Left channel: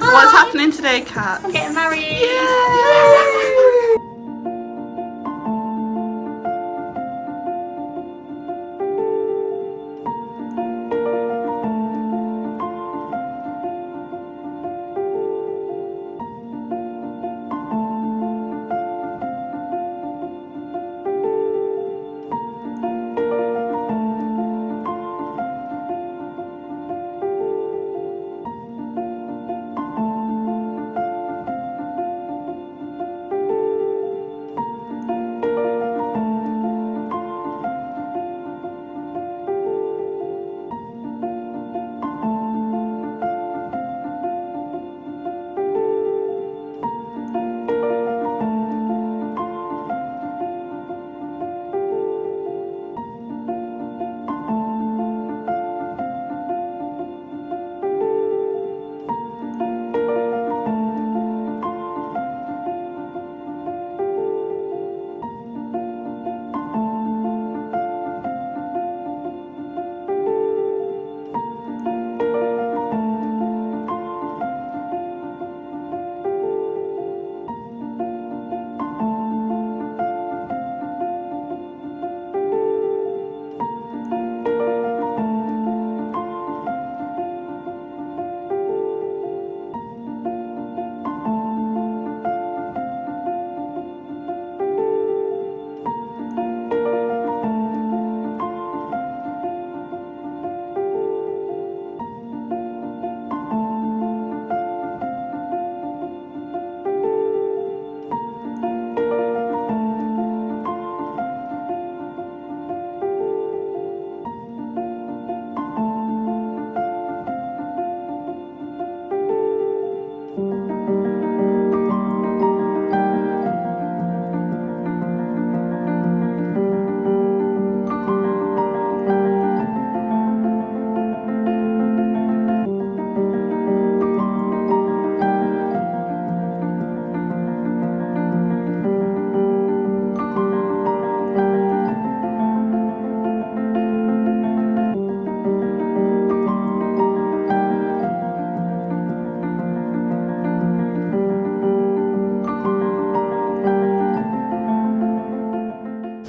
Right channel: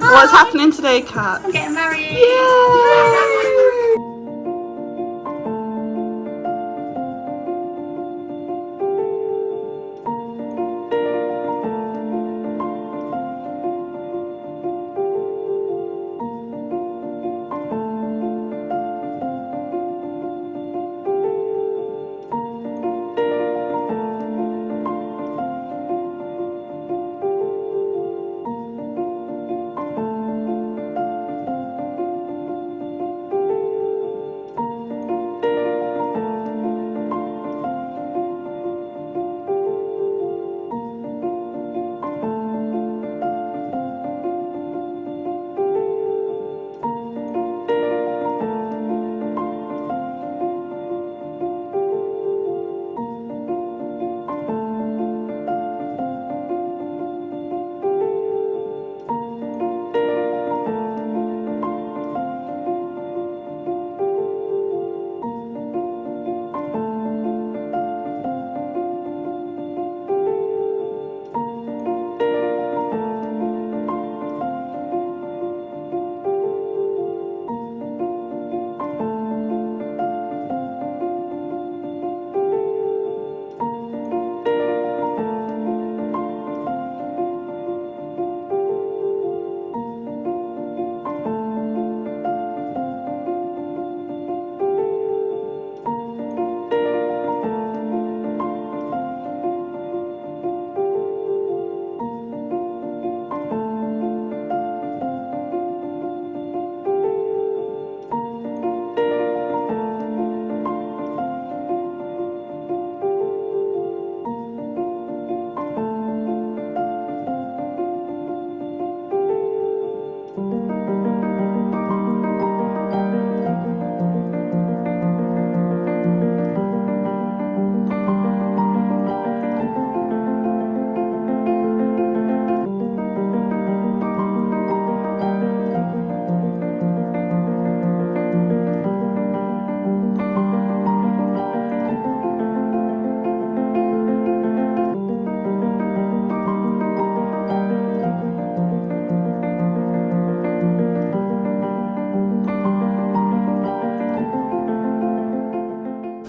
What's happening today, Kat? I'm getting married. Yay!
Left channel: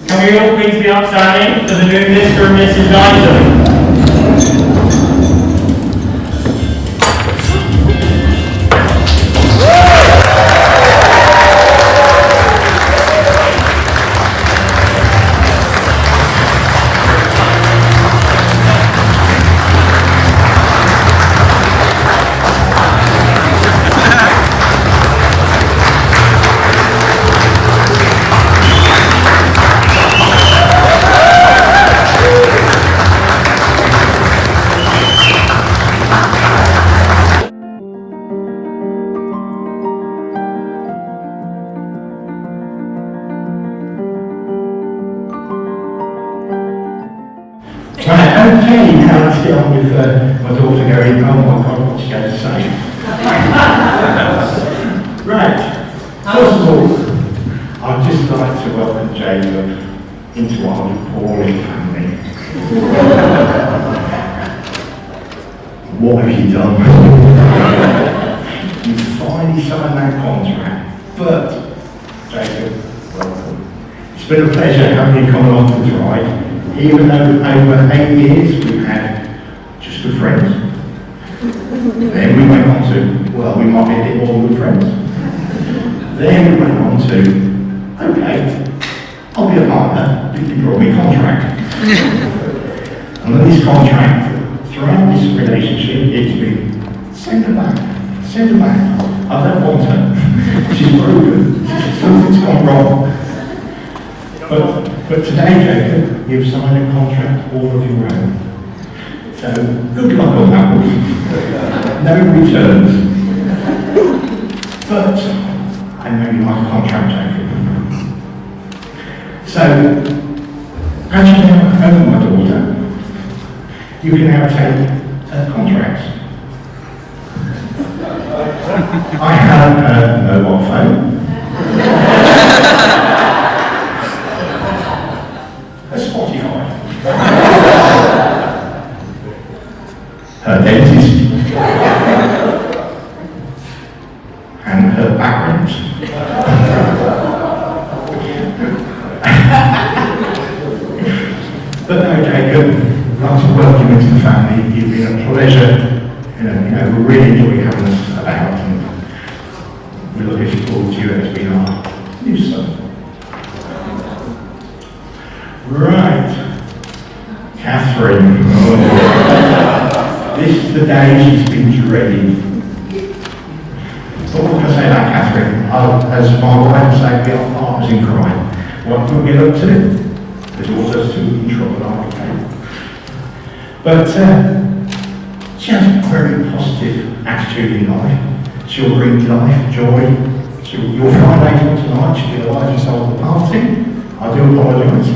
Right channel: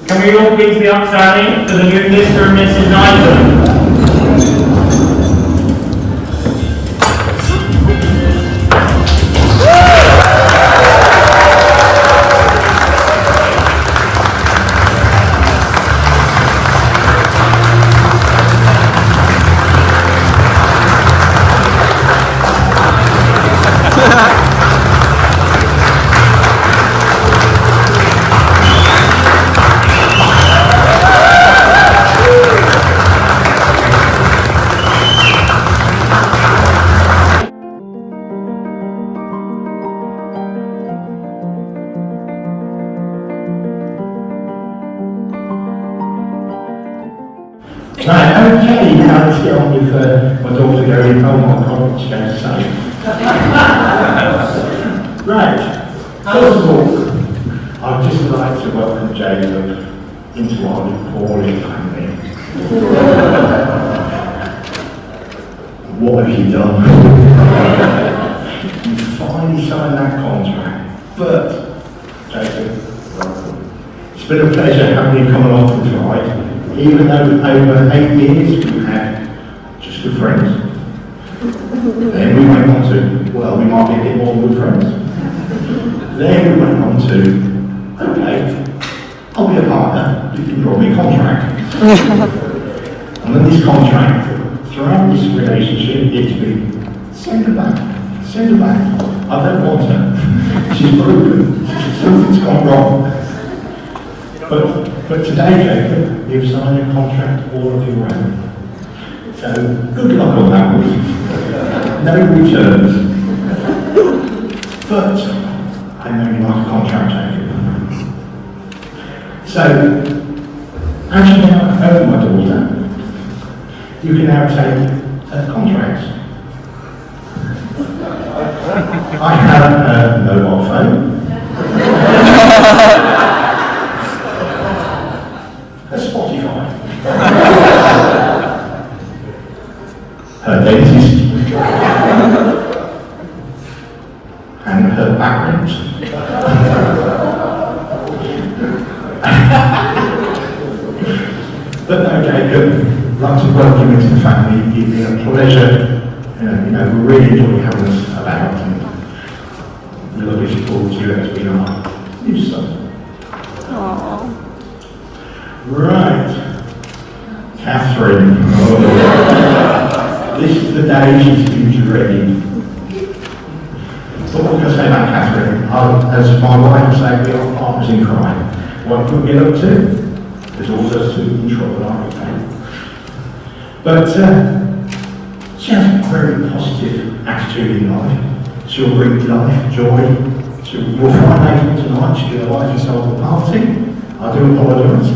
Can we all please be upstanding for the new Mr. and Mrs. Knighton? Right, okay, now let's get on with my daughter going home. Oh my God, what she's going to say. Right, first of all, I'd just like to welcome Jacob into our Paulie family. What have you done? You finally signed that contract, but Jacob, welcome. It's been a pleasure having you come along for the ride. Even though over 8 years we've had just good friends. Then we went on to, well, we might be a bit more good friends. Then we went on to, okay, I'll be a partner if you brought me a contract. And then this contract, throughout this relationship, it's been, send her back. I don't want her. She's broken. Something's gone wrong. But today, Jacob, you've signed a contract all of your own. So, good luck on that one. No returns. But, I know you like a contract, Jacob. So, as you now own my daughter, you can now take a contract. I have a mobile phone. Her dentist, backgrounds. But no, Jacob, I'd like to welcome you to the family. You've been a pleasure. We really enjoy having us about, and we're looking forward to you as we are new son. Right, Catherine. Oh, this is the day she's been dreading. So what can I say about Catherine? As my wife said, we are partners in crime. What can we get up to? There's also two in trouble, aren't we? But she has a very positive attitude in life. She'll bring life, joy. Your Friday one tonight, she'll be the largest of the party. I do apologise.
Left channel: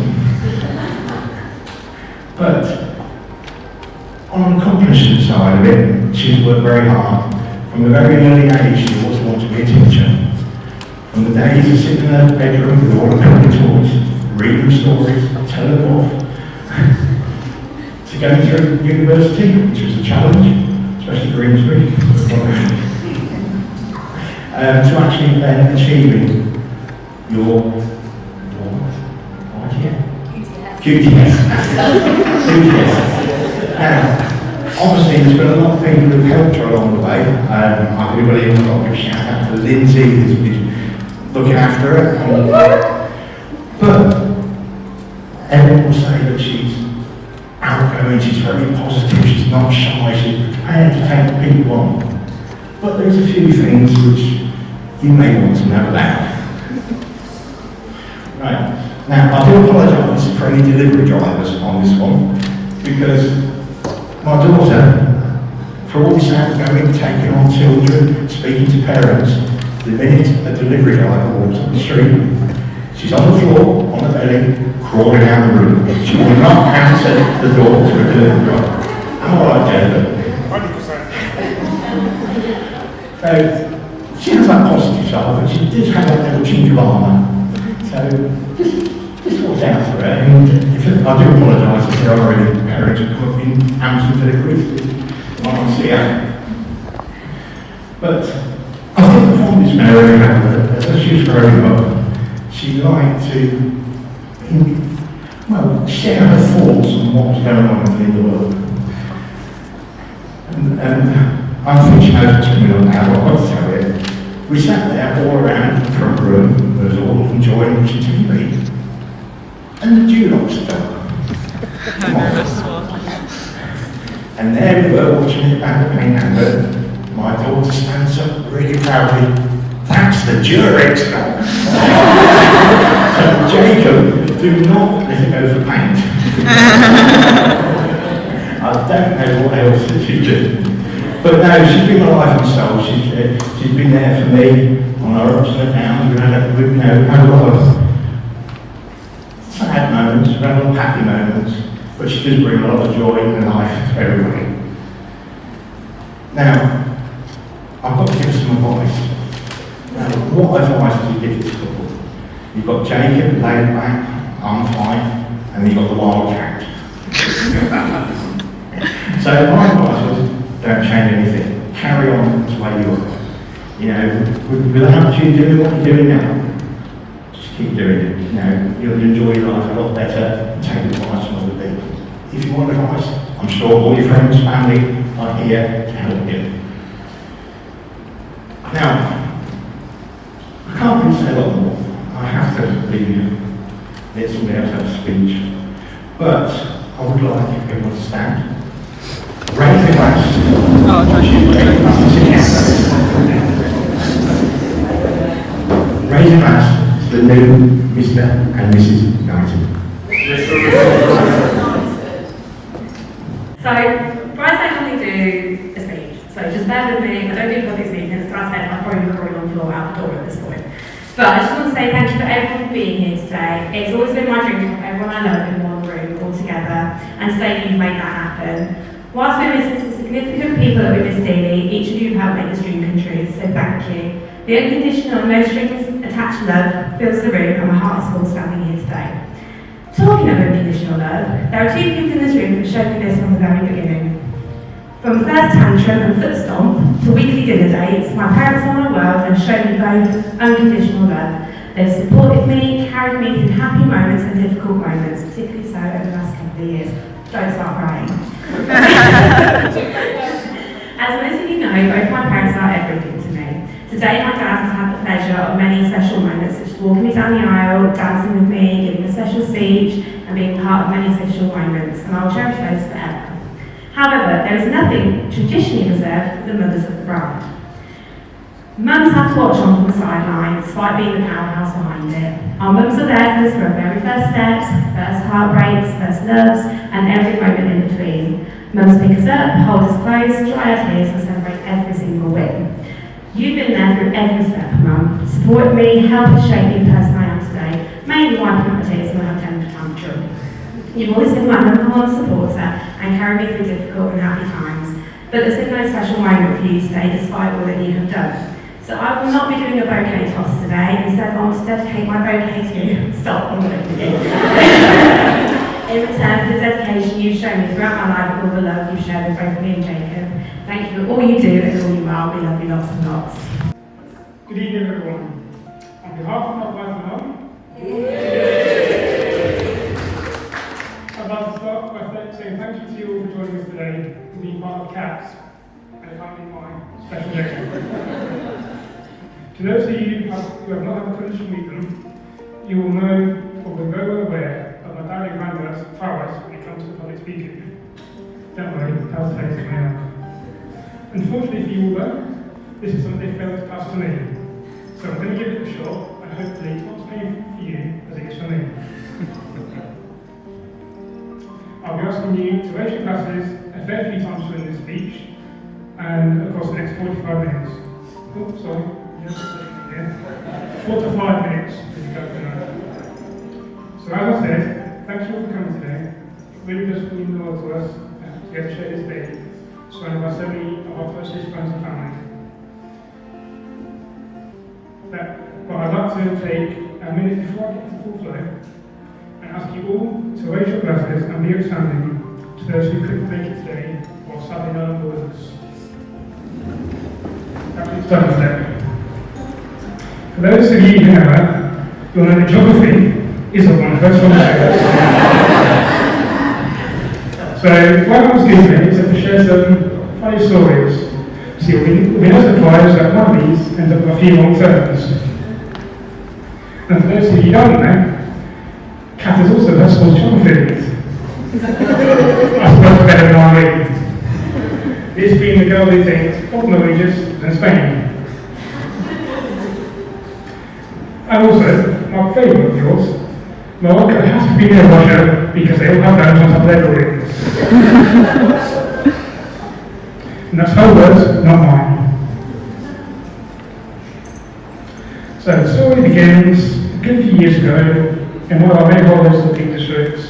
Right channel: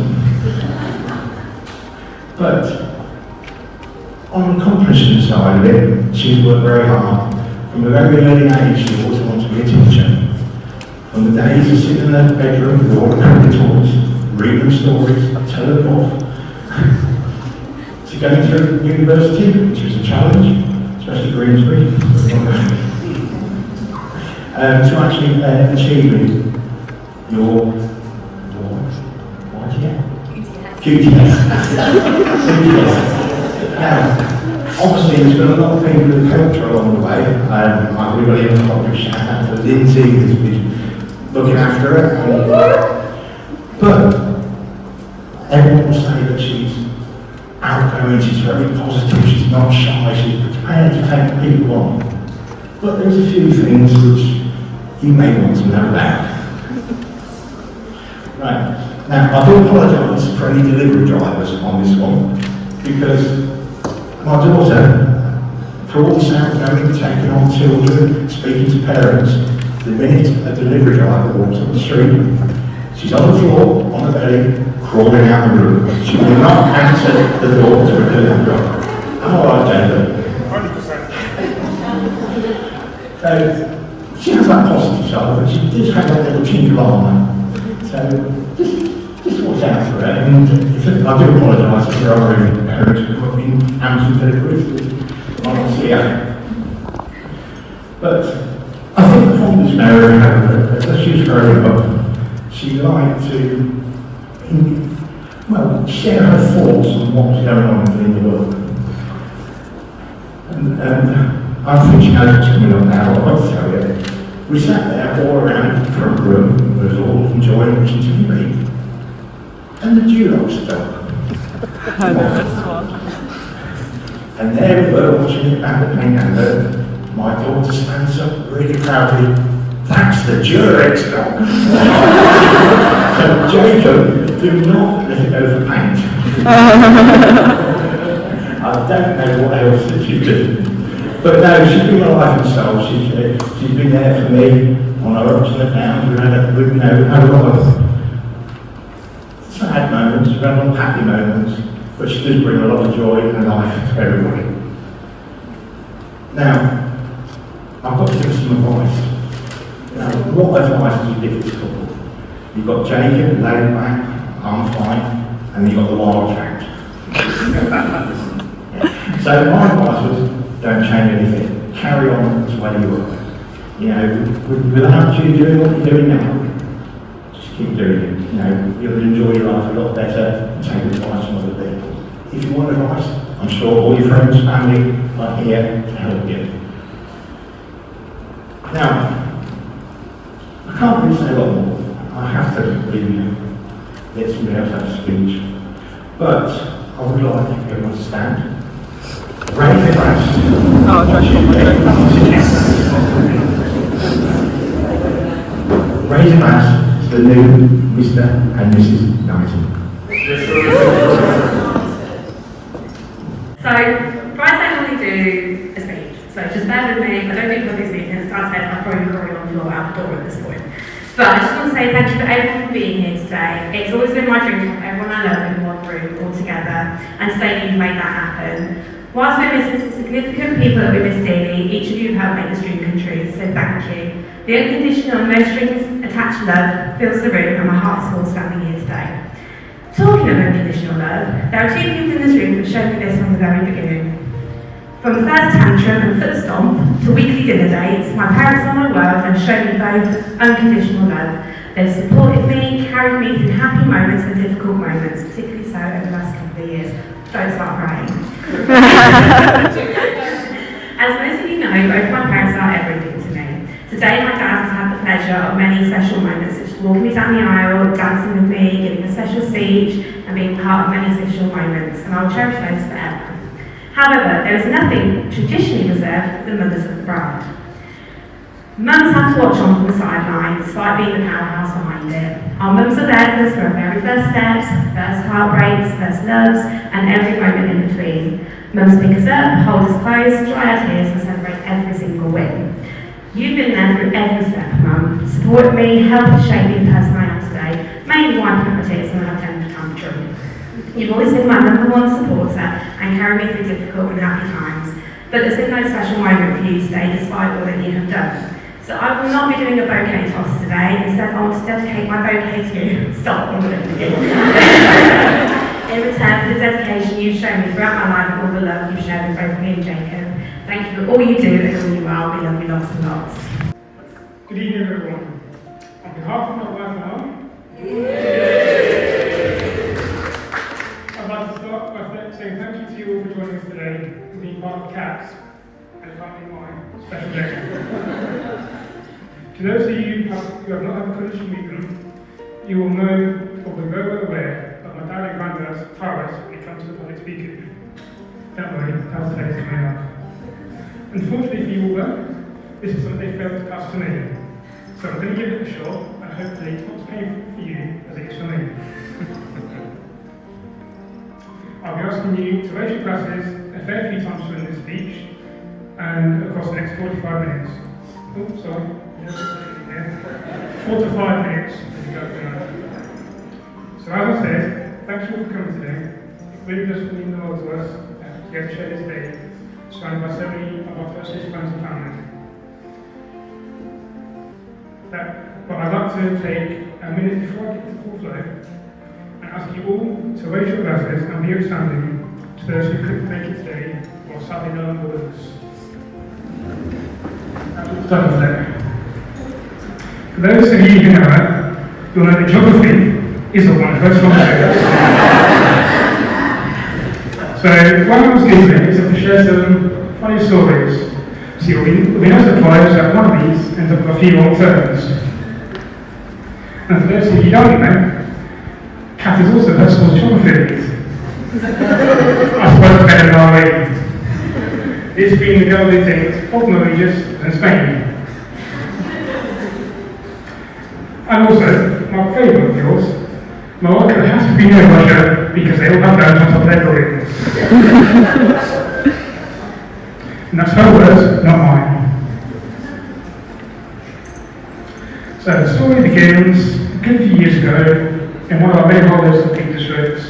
But on the accomplishment side of it, she's worked very hard. From a very early age, she always wanted to be a teacher. From the days of sitting in her bedroom with all her cricket toys, reading stories, telling them off, to going to university, which was a challenge, especially Grimsby, to actually achieving your QTS. Now, obviously, there's been a lot of people who've helped her along the way. Everybody in the lot of shout out to Lindsay, who's been looking after her. But everyone will say that she's outgoing, she's very positive, she's not shy, she's prepared to take people on. But there's a few things which you may want to know about. Right. Now, I do apologise for any delivery drivers on this one, because my daughter, for all this outgoing, taking on children, speaking to parents, the minute a delivery driver walks up the street, she's on the floor, on the belly, crawling out the room. She will not answer the door to a delivery driver. Am I right, Jacob? 100%. So, she has that positive side, but she does have that little chink of armour. So, just watch out for it. And I do apologise if there are any parents who come up in Amazon deliveries. I want to see her. But I think from this marriage, as she was growing up, she liked to, share her thoughts on what was going on in the world. And I think she knows what's coming up now, but I want to tell you. We sat there all around the front room, there was all enjoying watching TV. And the Dulocs stopped. I know this one. And there we were watching it back at me, and my daughter stands up really proudly. That's the Durex dog. So Jacob, do not let it go for paint. I don't know what else that she's doing. But no, she's been my life and soul. She's been there for me on our ups and downs. We've had a lot of sad moments, we've had a lot of happy moments, but she does bring a lot of joy and life to everybody. Now, I've got to give some advice. Now, what advice do you give this couple? You've got Jacob laid back, I'm fine, and you've got the wild cat. So my advice was, don't change anything. Carry on the way you are. Without you doing what you're doing now, just keep doing it. You'll enjoy your life a lot better and take advice from other people. If you want advice, I'm sure all your friends, family are here to help you. Now, I can't really say a lot more. I have to leave you. Let somebody else have a speech. But I would like everyone to stand. Raise your glass. Oh, Raise your glass to the new Mr. and Mrs. Knighton. So, Bryce and I normally do a speech. So just bear with me. I don't think I'll be speaking. As I said, I'll probably be crawling on the floor out the door at this point. But I just want to say thank you to everyone for being here today. It's always been my dream to have everyone I love in one room all together, and today you've made that happen. Whilst we're missing some significant people that we miss dearly, each of you have made this dream come true, so thank you. The unconditional, no strings attached love fills the room, and my heart is full standing here today. Talking of unconditional love, there are two people in this room that showed me this from the very beginning. From the first tantrum and foot stomp to weekly dinner dates, my parents are my world and have shown me both unconditional love. They've supported me, carried me through happy moments and difficult moments, particularly so over the last couple of years. Don't start crying. As most of you know, both my parents are everything to me. Today, my dad has had the pleasure of many special moments, such as walking me down the aisle, dancing with me, giving a special speech, and being part of many special moments, and I'll cherish those forever. However, there is nothing traditionally reserved for the mothers of the bride. Mums have to watch on from the sideline, despite being the powerhouse behind it. Our mums are there for us for our very first steps, first heartbreaks, first loves, and every moment in between. Mums pick us up, hold us close, dry our tears, and celebrate every single win. You've been there through every step, Mum, supported me, helped shape me the person I am today, mainly wiping up my tears when I have temper tantrum. You've always been my number one supporter and carried me through difficult and happy times, but there's been no special moment for you today despite all that you have done. So I will not be doing a bouquet toss today, instead I want to dedicate my bouquet to you. Stop, I'm going to begin. In return for the dedication you've shown me throughout my life and all the love you've shared with both me and Jacob. Thank you for all you do and all you are. We love you lots and lots. Good evening, everyone. On behalf of my wife and mum, I'd like to start by saying thank you to you all for joining us today and being part of CATS, and it can't be my special day. To those of you who have not had a tradition with them, you will know or be very well aware of my direct grandmother's prowess when it comes to public speaking. Don't worry, that was the latest coming up. Unfortunately for you all though, this is something they failed to pass to me. So I'm going to give it a shot, and hopefully it's not as painful for you as it is for me. I'll be asking you to raise your glasses a fair few times during this speech, and across the next 45 minutes. Oh, sorry. 4 to 5 minutes. So as I said, thanks you all for coming today. It really does mean the world to us to get to share this day, surrounded by so many of our closest friends and family. But I'd like to take a minute before I get to the full flow and ask you all to raise your glasses and be outstanding to those who couldn't make it today or sadly no longer with us. That's today. For those of you who know her, you'll know that geography is one of her strong suits. So, what I was doing today is to share some funny stories. So you'll be no surprised that one of these ends up with a few long turns. And for those of you who don't know, Kat is also her school's geography. I suppose better than our ladies. This being the girl who thinks of Mauritius and Spain. And also, my favourite of yours, Morocco has to be near Russia because they all have guns on top of their buildings. And that's her words, not mine. So the story begins a good few years ago in one of our many holidays in the Peak Districts,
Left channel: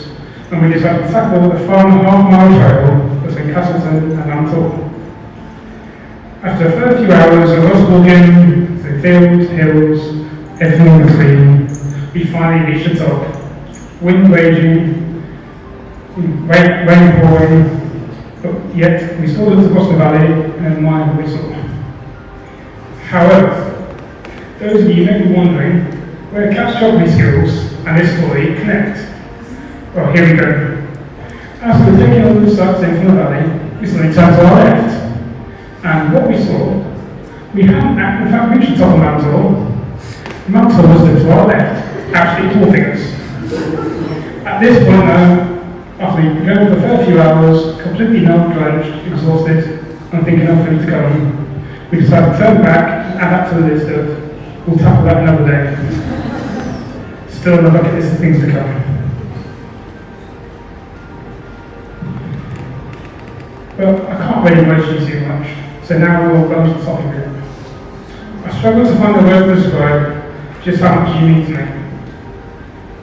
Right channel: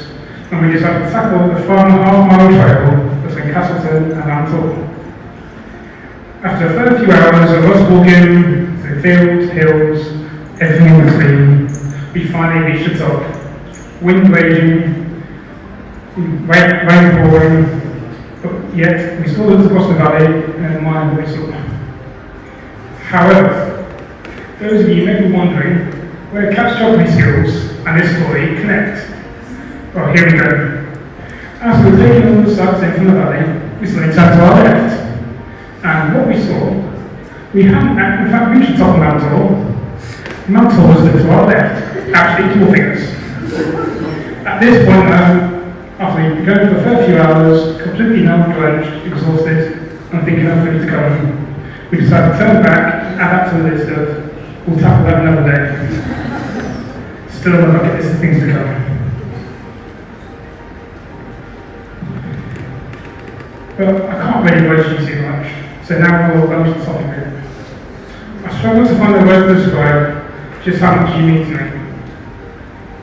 when we decided to tackle the 5.5-mile trail between Castleton and Antor. After a fair few hours of us walking through fields, hills, everything in between, we finally reached the top. Wind raging, rain pouring, but yet we still looked across the valley and admired the whistle. However, those of you may be wondering where Kat's geography skills and this story connect. Well, here we go. As we were taking all the sights in from the valley, we suddenly turned to our left. And what we saw, we hadn't in fact reached the top of Mount Tor. Mount Tor was to our left, actually dwarfing us. At this point though, after we'd been going for a fair few hours, completely numb, drenched, exhausted, and thinking nothing to come, we decided to turn back and add that to the list of, we'll tackle that another day. Still on the bucket list of things to come. But I can't really rush you too much, so now we'll go to the topic here. I struggled to find a word to describe just how much you mean to me.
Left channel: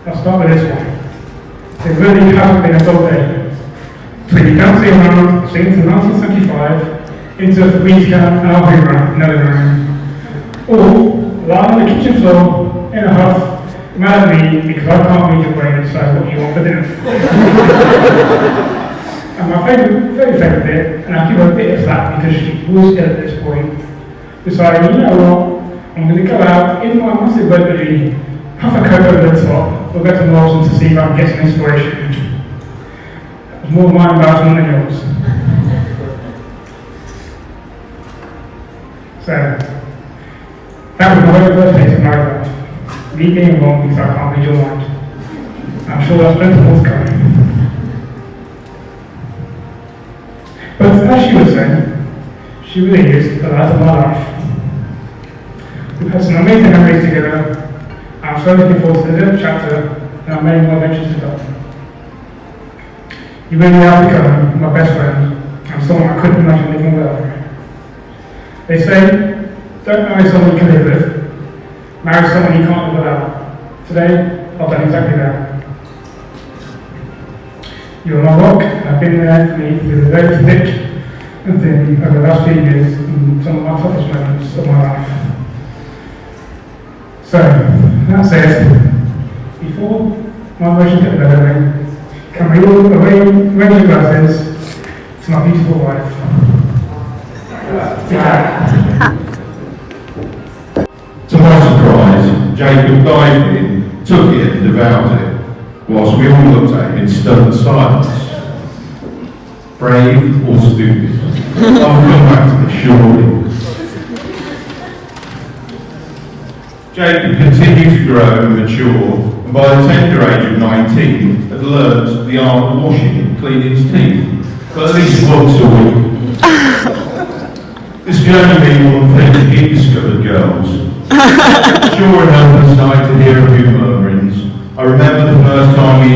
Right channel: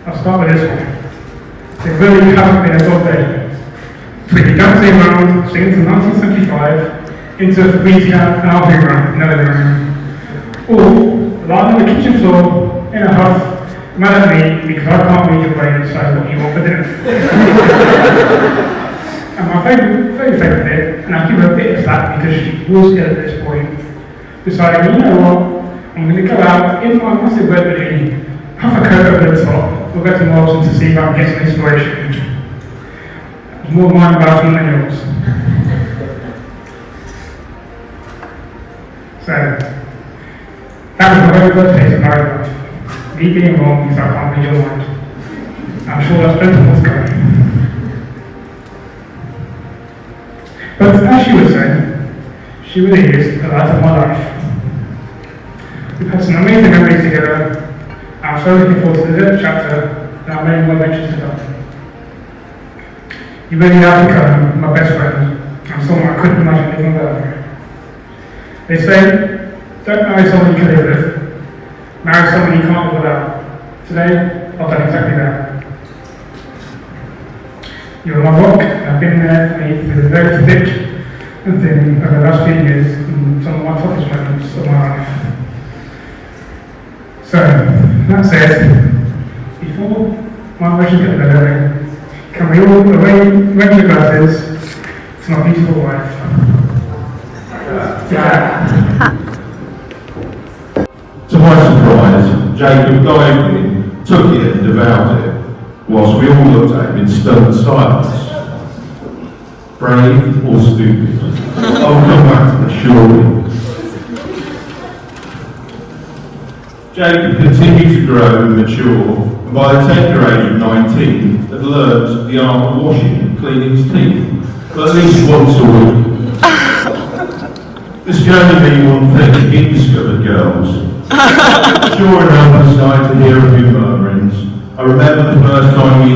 I'll start with this one. There really hasn't been a good day. Between the dancing around since 1975 into Fabrica and Albuera, Netherlands. Or lying on the kitchen floor in a huff, mad at me because I can't read your brain and decide what you want for dinner. And my very favourite bit, and I give her a bit of slack because she was ill at this point, deciding, you know what, I'm I'm going to go out in my massive web hoodie, have a coat over the top, we'll go to Morrison to see if I can get some inspiration. It's more my embarrassment than yours. So, that was my very first taste of married life. Me being wrong because I can't read your mind. I'm sure that's plenty more to come. But as she was saying, she really is the light of my life. We've had some amazing memories together. I'm so looking forward to the next chapter and our many more adventures to come. You really have become my best friend and someone I couldn't imagine living without. They say, don't marry someone you can live with, marry someone you can't live without. Today, I've done exactly that. You're my rock, I've been there for me through the very thick and thin over the last few years and some of my toughest moments of my life. So, that said, before my wishes get better, can we all raise your glasses to my beautiful wife? To my surprise, Jacob dived in, took it and devoured it, whilst we all looked at him in stunned silence. Brave or stupid? I'll come back to the shortly. Jacob continued to grow and mature, and by the tender age of 19, had learned the art of washing and cleaning his teeth, but at least once a week. This can only mean one thing, he discovered girls. Sure enough, I started to hear a few murmurings. I remember the first time we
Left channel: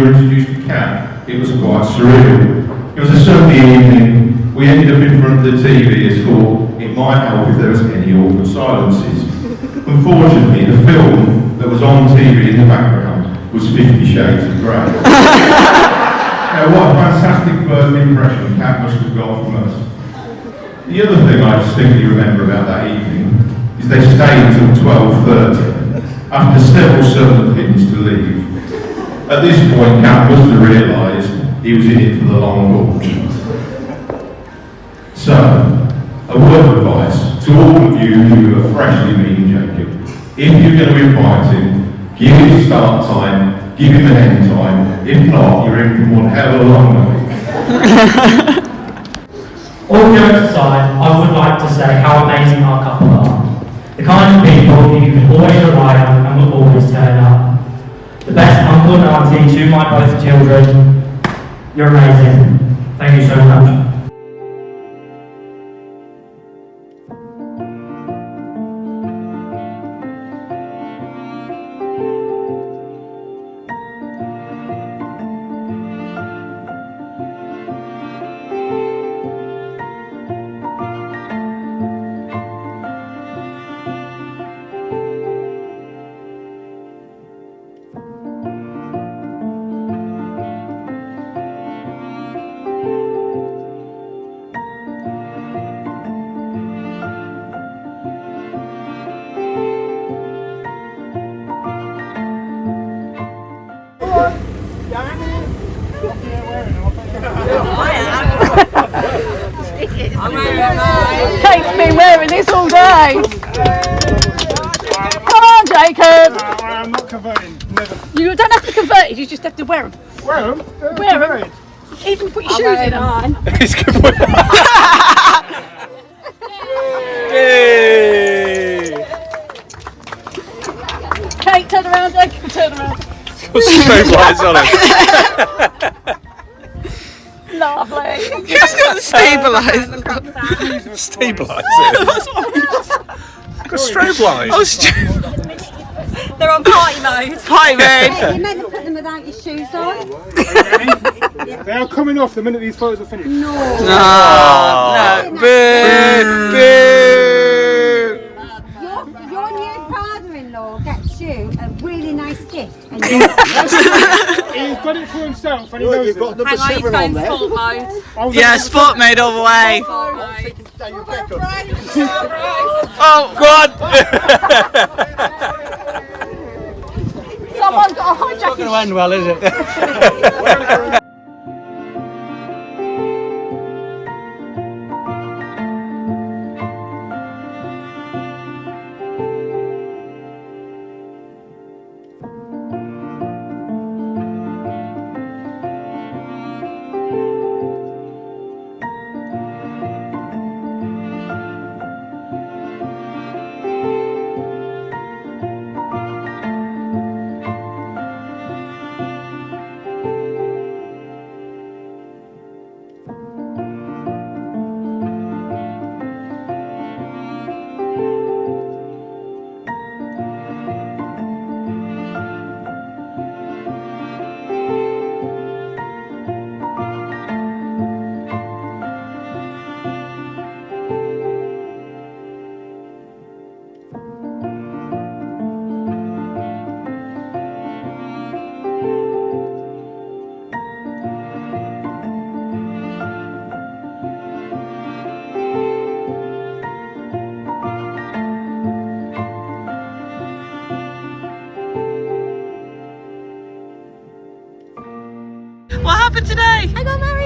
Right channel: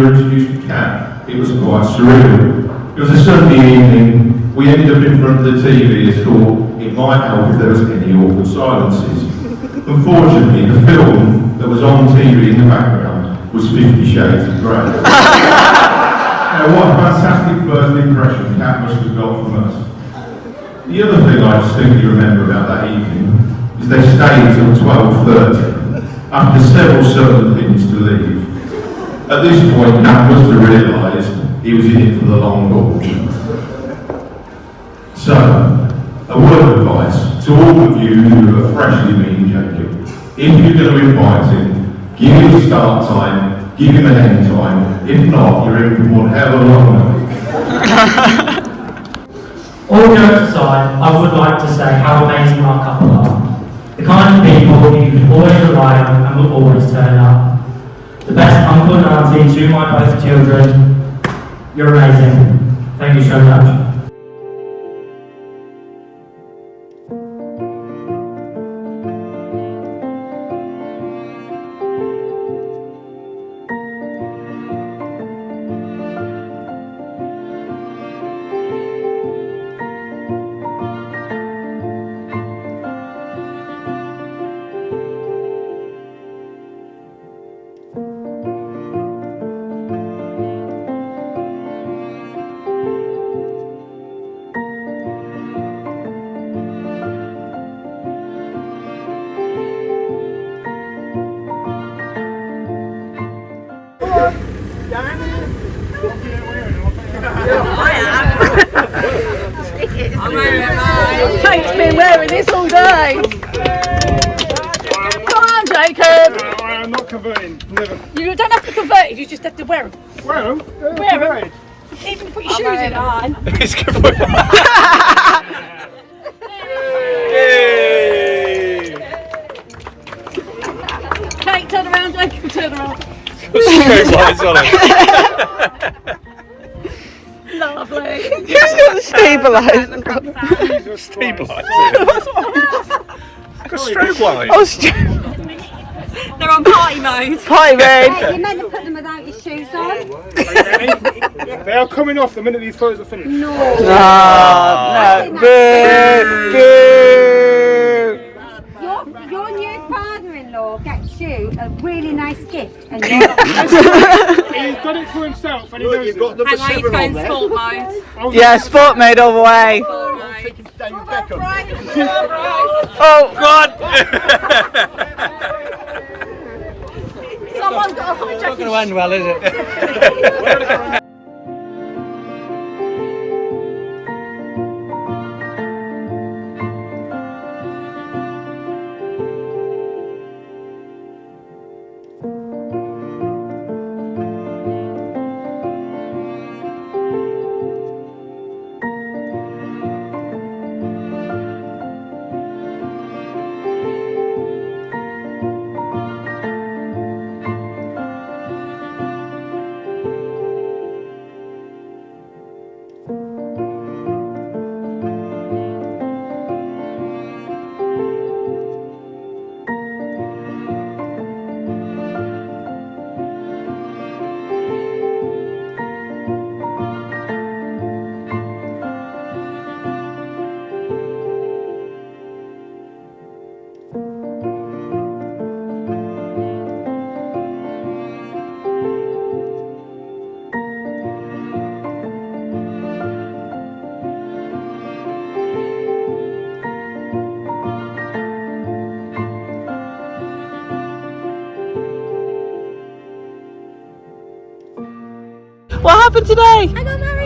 were introduced to Cat. It was quite surreal. It was a Sunday evening. We ended up in front of the TV as thought it might help if there was any awkward silences. Unfortunately, the film that was on TV in the background was 50 Shades of Grey. Now, what a fantastic first impression Cat must have got from us. The other thing I distinctly remember about that evening is they stayed until 12:30, after several southern pins to leave. At this point, Cat must have realised he was in it for the long haul. So, a word of advice to all of you who are freshly meeting Jacob. If you're going to invite him, give him start time, give him an end time. If not, you're in for one hell of a long night. All jokes aside, I would like to say how amazing our couple are. The kind of people you can always rely on and will always turn up. The best uncle and auntie to my both children. You're amazing. Thank you so much. Jake's been wearing this all day. Come on, Jacob. I'm not converting, never. You don't have to convert it, you just have to wear them. Wear them? Wear them. Even put your shoes in on. Kate, turn around, Jacob, turn around. Lovely. Who's got the stabiliser? Stabiliser. Strobe wise. Oh, strobe. They're on party mode. Party mode. You're meant to put them without your shoes on. They are coming off the minute these photos are finished. No, boo, boo. Your new father-in-law gets you a really nice gift. And He's done it for himself and he knows it. Hang on, he's going sport mode. Yeah, sport mode all the way. Oh, God. Someone's got a hijack his End well, is it? What happened today? I got married.